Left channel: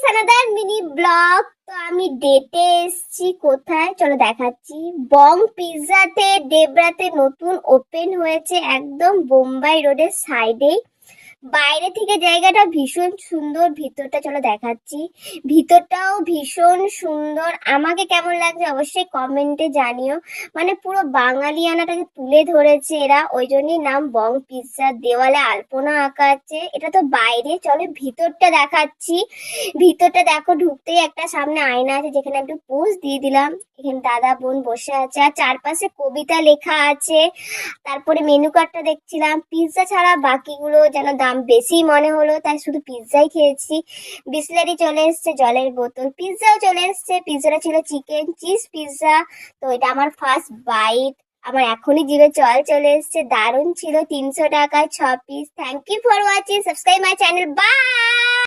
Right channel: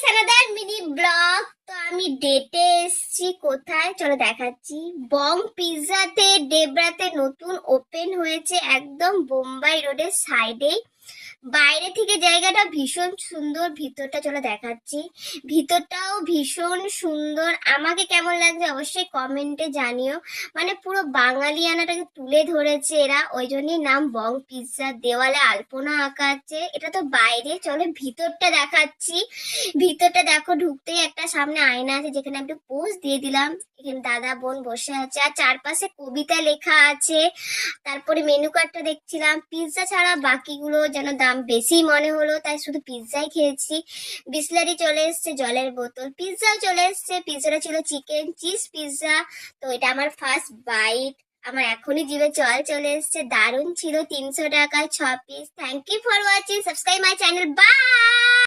Guys, another mini blog. তো আমি ডেটে এসেছি, কোথায় চলো দেখাচ্ছি। বং পিৎজাতে ডেবরাতে নতুন ওপেন হয়েছে, একদম বোম্বাই রোডের সাইডেই। বাইরে থেকে জায়গাটা ভীষণ সুন্দর, ভিতরটা চলো দেখাচ্ছি। ভিতরটাও ভীষণ সুন্দর। আমাকে কেমন লাগছে অবশ্যই কমেন্টে জানিও। মানে পুরো বাঙালিয়ানাটাকে তুলে ধরেছে এরা, ওই জন্যই নাম বং পিৎজা। দেওয়ালে আলপনা আঁকা আছে। এটা তো বাইরে, চলো ভিতরটা দেখাচ্ছি। ভিতরটা দেখো, ঢুকতেই একটা সামনে আয়না আছে, যেখানে একটু পোজ দিয়ে দিলাম। এখানে দাদা বোন বসে আছে, আর চারপাশে কবিতা লেখা আছে। তারপরে মেনু কার্ডটা দেখছিলাম, পিৎজা ছাড়া বাকিগুলো যেন দাম বেশি মনে হলো, তাই শুধু পিৎজাই খেয়েছি। বিসলারি চলে এসছে, জলের বোতল, পিৎজাও চলে এসছে। পিৎজাটা ছিল চিকেন চিজ পিৎজা। তো এটা আমার ফার্স্ট বাইট। আমার এখনই জিভে জল চলে এসছে। দারুণ ছিল, 300 টাকায় 6 piece. Thank you for watching, subscribe my channel, by.